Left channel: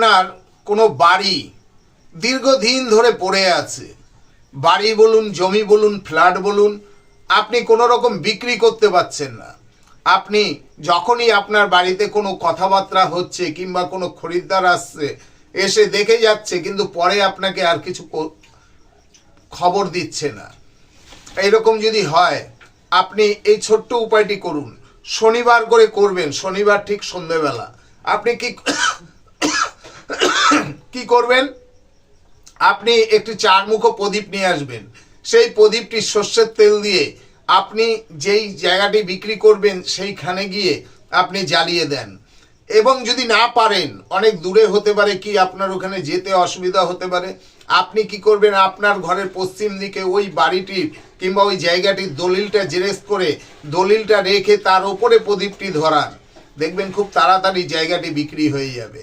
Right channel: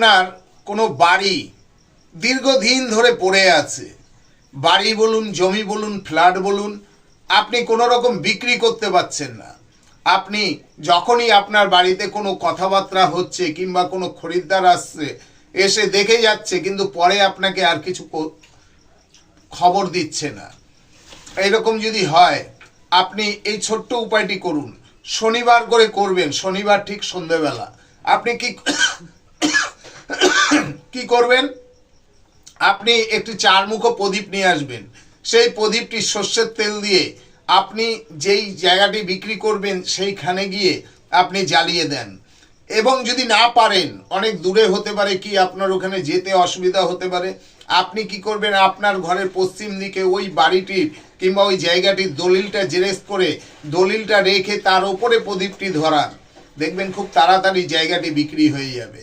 আপনার কোনো বাড়ি দীর্ঘদিন ধরে পড়ে আছে, বাড়ি বলুন, জমি বলুন, ফ্ল্যাট বলুন, আপনি কোনো রকম বিক্রি করতে পারছেন না। আপনি যখনই আপনার বাড়িতে কোনো কথাবার্তা হচ্ছে কিংবা কোনো খরিদ্দার আসছে, এসে দেখে যাচ্ছে, কিন্তু পরে আপনাকে আর কিছু খবর দিচ্ছে না। এইরকম যদি হয়, আপনি এই ছোট্ট উপায়টি করুন। শনিবার করে করবেন, শনিবার ঠিক সন্ধ্যেবেলা। আপনি কি করবেন, আপনি একটি চারমুখো প্রদীপ নিয়ে আসবেন। সেই প্রদীপটি সর্ষের তেল দিয়ে আপনি যেই জায়গাটি বিক্রি করবেন সেইখানে গিয়ে আপনি জ্বালিয়ে দেন। এবং যদি না পারেন, অনেক দূরে হতে পারে, কি আপনার ওখানে যেতে অসুবিধা হতে পারে, আপনি কি করবেন, আপনার ঘরের পশ্চিম দিকে ওই বাড়িটির কিংবা ওই জায়গাটির দলিলটা জেরক্স করে দলিলটা রেখে তার ওপরে প্রদীপটি ধরান। দেখবেন খুব তাড়াতাড়ি জায়গাটি বিক্রি হয়ে যাবে।